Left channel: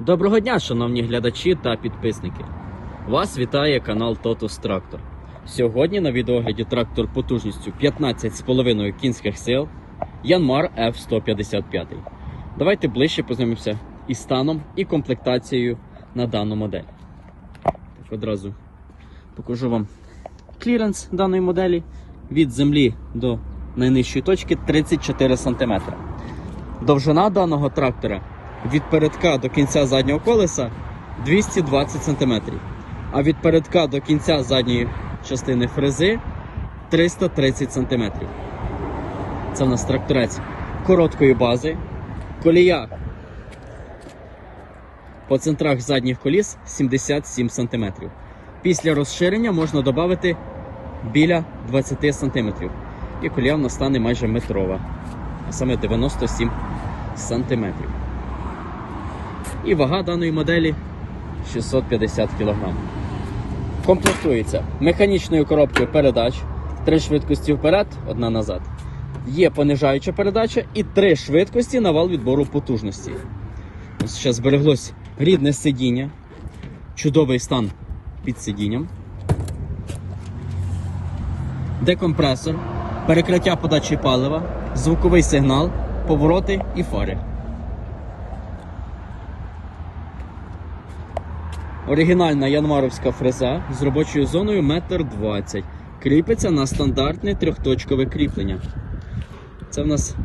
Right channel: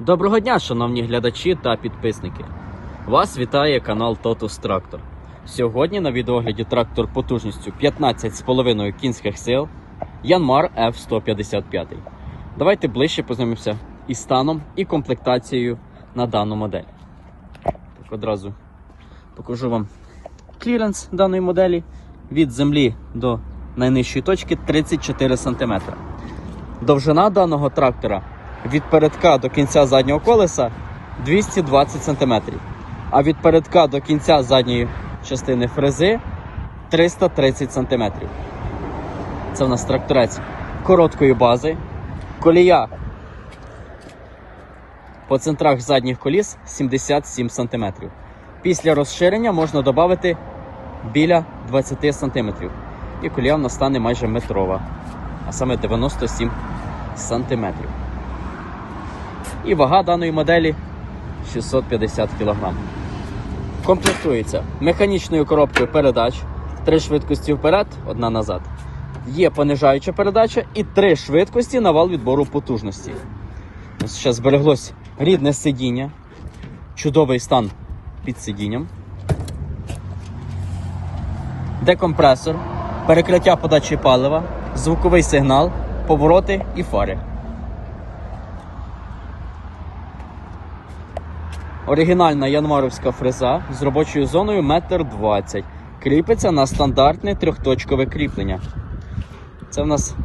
Доброго дня, шановні глядачі та підписники. Вас вітає канал Totus Tractor. Сьогодні на відеогляді трактор потужністю 15,5 кінських сил Янмар F155. Давайте ближче познайомимося із станом і комплектацією на дану модель. Так, одразу покажу вам кліренс даної моделі від землі до найнижчої точки 34 см. Довжина даного трактора від передка до кінця заднього колеса 220 см, а від передка до кінця задньої частини фрези 330 см. Це в нас тракторець короткої бази, колія по центрах задніх коліс 77 см. Після розширення можна додати біля 20 см. І колія в нас стане майже метрова, а саме 97 см. І вага даної моделі 650 кг. Комплектується механічною коробкою передач, три швидкості вперед, одна назад. Є понижаюча передача і три швидкості на вал відбору потужності. Ось ще збереглось рідне сидіння, чудовий стан під сидінням, декомпресор, перекриття подачі палива, звуковий сигнал, повороти і фари. Оригінальна янмаровська фреза з робочою зоною 1,20 м. Кріпиться на стандартне трьохточкове кріплення. Це в нас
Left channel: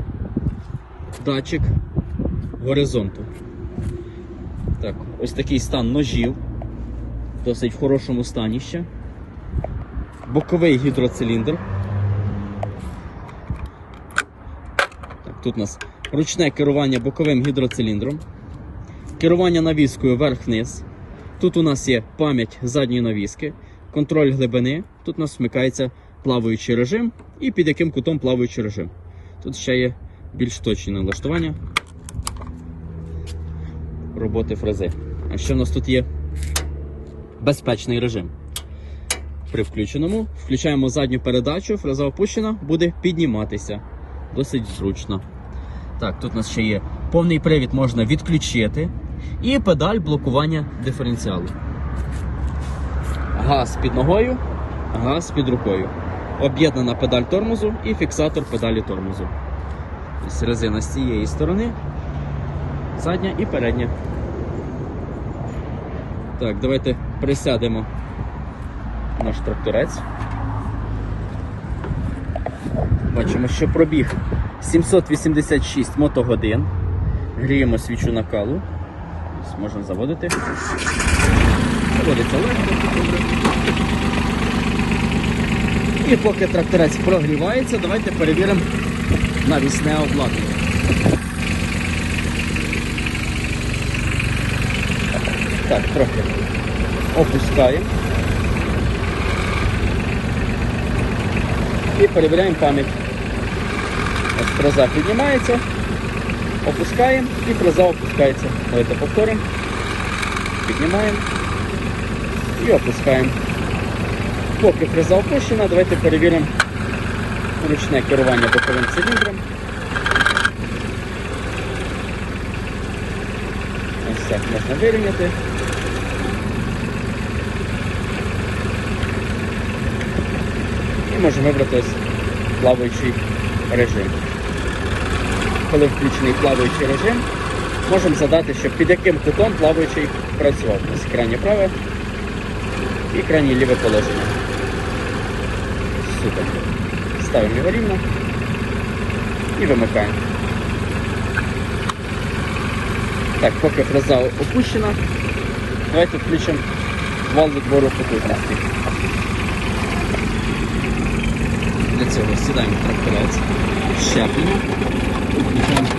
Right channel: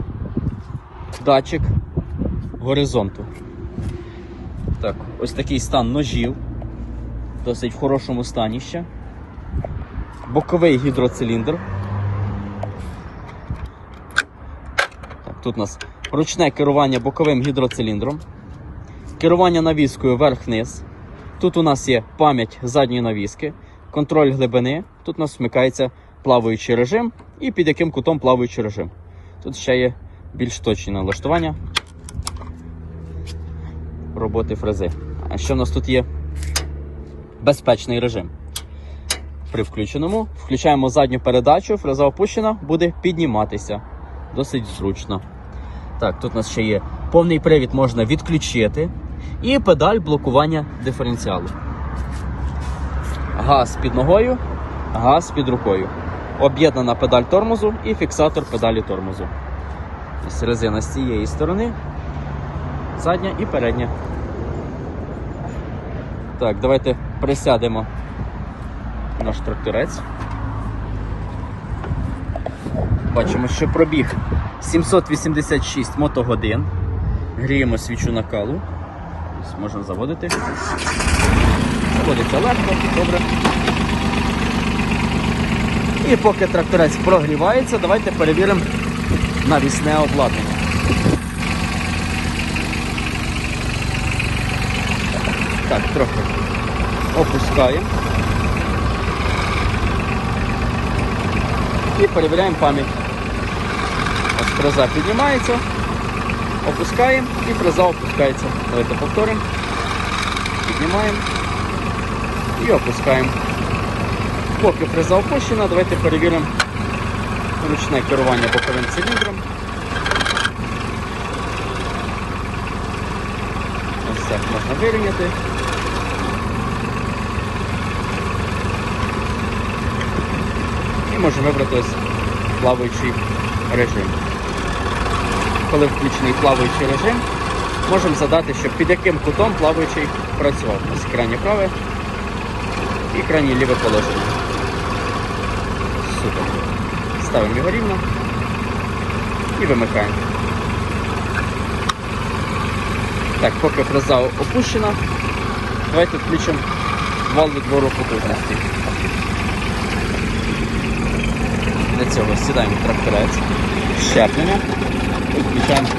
датчик горизонту. Так, ось такий стан ножів. Досить в хорошому стані ще. Боковий гідроциліндр. Так, тут у нас ручне керування боковим гідроциліндром. Керування навіскою вверх-вниз. Тут у нас є пам'ять задньої навіски, контроль глибини. Тут у нас вмикається плаваючий режим і під яким кутом плаваючий режим. Тут ще є більш точні налаштування роботи фрези. А що у нас тут є? Безпечний режим. При включеному включаємо задню передачу, фреза опущена, буде підніматися. Досить зручно. Так, тут у нас ще є повний привід можна відключити. І педаль блокування диференціалу. Газ під ногою, газ під рукою. Об'єднана педаль тормозу і фіксатор педалі тормозу. Ось Резина з цієї сторони, задня і передня. Так, давайте присядемо наш тракторець. Бачимо, що пробіг 786 мотогодин. Гріємо свічу накалу. Ось Можна заводити. Сходиться легко, добре. І поки тракторець прогрівається, давайте перевіримо навісне обладнання. Так, трохи опускаємо. І перевіряємо пам'ять. Ось піднімається, опускаємо і фреза опускається. Давайте повторимо. Піднімаємо і опускаємо. Поки фреза опущена, давайте перевіримо ручне керування боковим циліндром. Ось так можна вирівняти. І можна вибрати ось плаваючий режим. Коли включений плаваючий режим, можемо задати, що під яким кутом плаваючий працювати. Ось крайнє праве і крайнє ліве положення. Супер. Ставимо його рівно і вимикаємо. Так, поки фреза опущена, давайте включимо вал відбору потужності. Для цього сідаємо в тракторець, щеплення включаємо.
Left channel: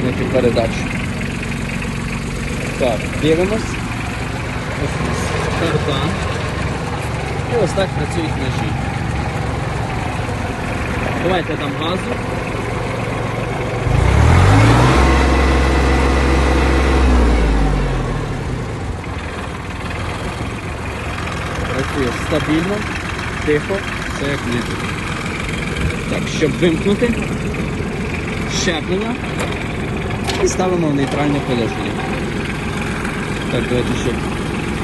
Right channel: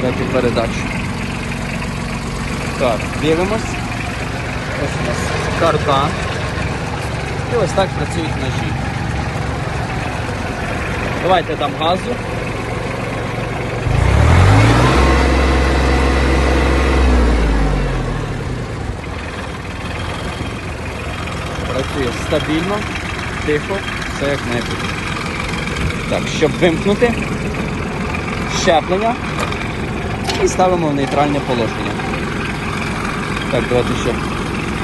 Третю передачу. Так, дивимось. Ось у нас карта. І ось так працюють ножі. Давайте дам газ. Працює стабільно, тихо, все як має. Так, щоб вимкнути, щеплення і ставимо в нейтральне положення. Так, давайте ще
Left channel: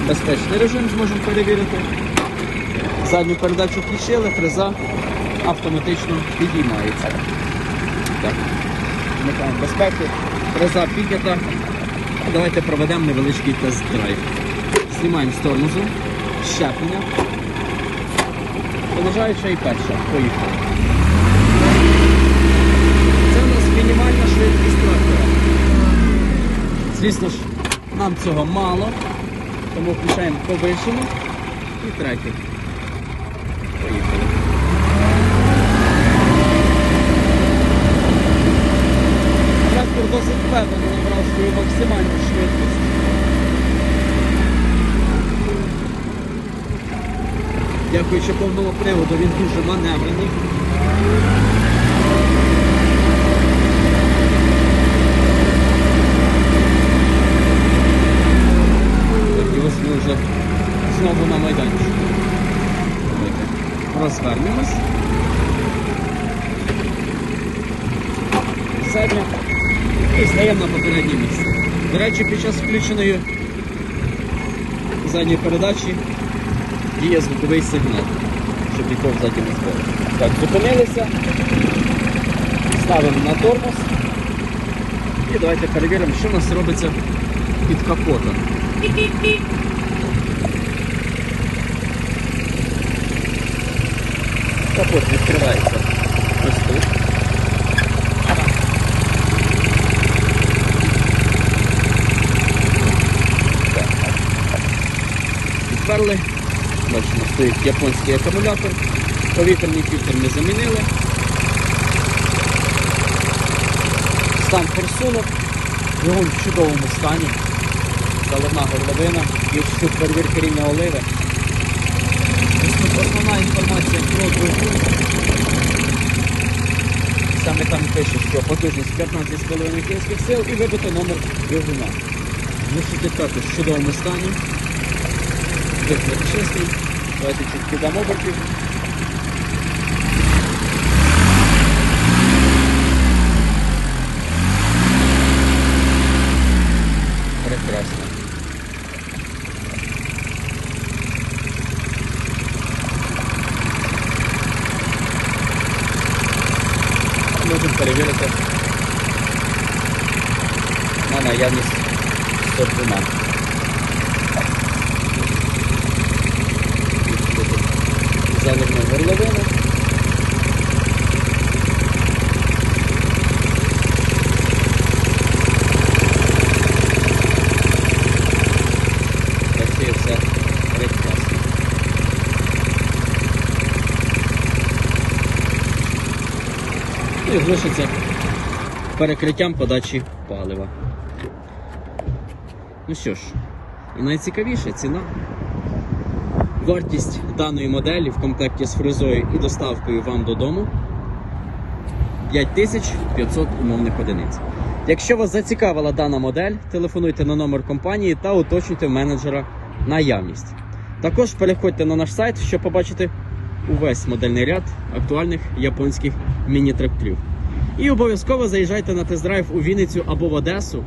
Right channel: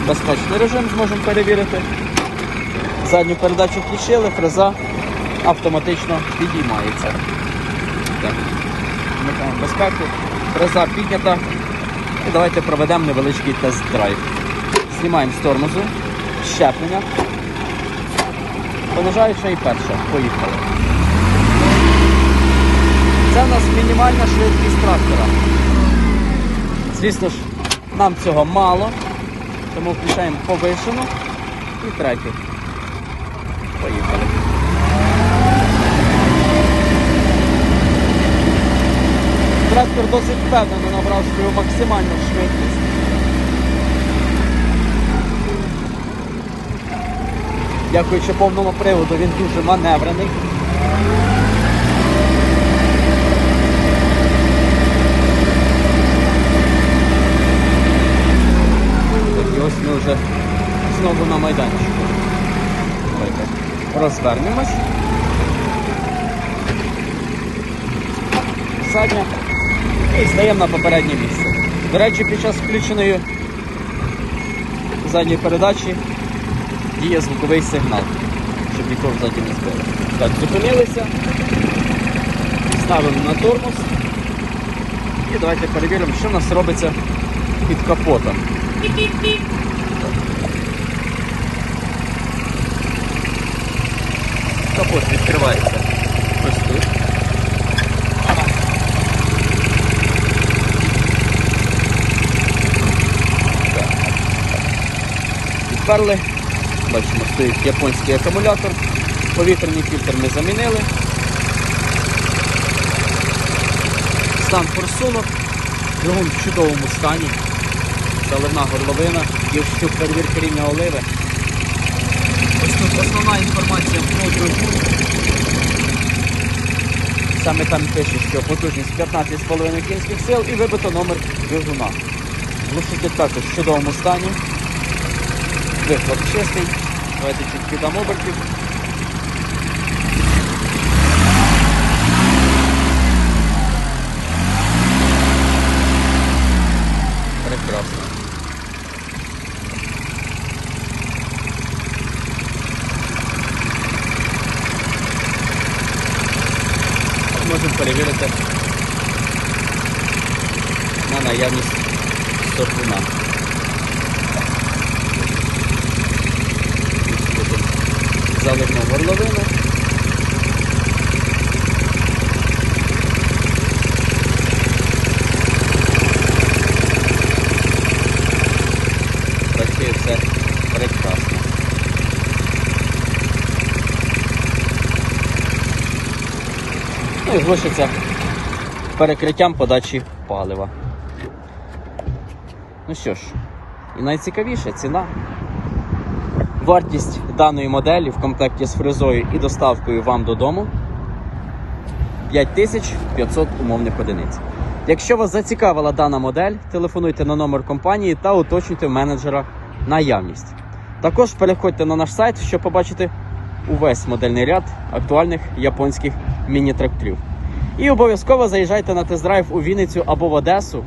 безпечний режим зможемо перевірити. Задню передачу включили, фреза автоматично підіймається. Фреза піднята. Давайте проведемо невеличкий тест-драйв. Знімаємо з тормозу, щеплення. Понижаюча і перша. Поїхали. Це у нас мінімальна швидкість трактора. Звісно ж, нам цього мало, тому включаємо повишену і третю. Поїхали. Трактор досить впевнено набрав свою максимальну швидкість. Дякуючи повному приводу, він дуже маневрений. І ось ми вже знову на майданчику. Розвернемось. Задня. І стаємо на попереднє місце. До речі, під час включеної задньої передачі діє звуковий сигнал, щоб піти в задньому поле. Так, зупинилися, ставимо на тормоз. І давайте перевіримо, що в нас робиться під капотом. Капот відкривається ось тут. Відперли. Бачимо, стоїть японський акумулятор. Повітряний фільтр ми замінили. Стан форсунок. Двигун в чудовому стані. Заливна горловина. Є щуп перевірки рівня оливи. Основна інформація. Саме там пише, що потужність 15,5 кінських сил і вибито номер двигуна. Висоти також в чудовому стані. Вихлоп чистий. Давайте чуть-чуть обертів. Прекрасно. Можемо перевірити на наявність стопуна. Заливну горловину. Працює все прекрасно. Ну перекриттям подачі палива. Ну що ж, і найцікавіше ціна. Вартість даної моделі в комплекті з фрезою і доставкою вам додому 5500 умовних одиниць. Якщо вас зацікавила дана модель, телефонуйте на номер компанії та уточнюйте менеджера наявність. Також переходьте на наш сайт, щоб побачити увесь модельний ряд актуальних японських міні-тракторів. І обов'язково заїжджайте на тест-драйв у Вінницю або в Одесу.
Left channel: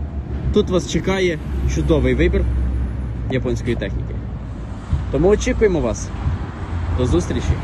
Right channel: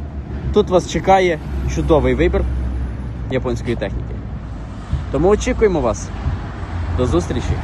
Тут вас чекає чудовий вибір японської техніки. Тому очікуємо вас. До зустрічі!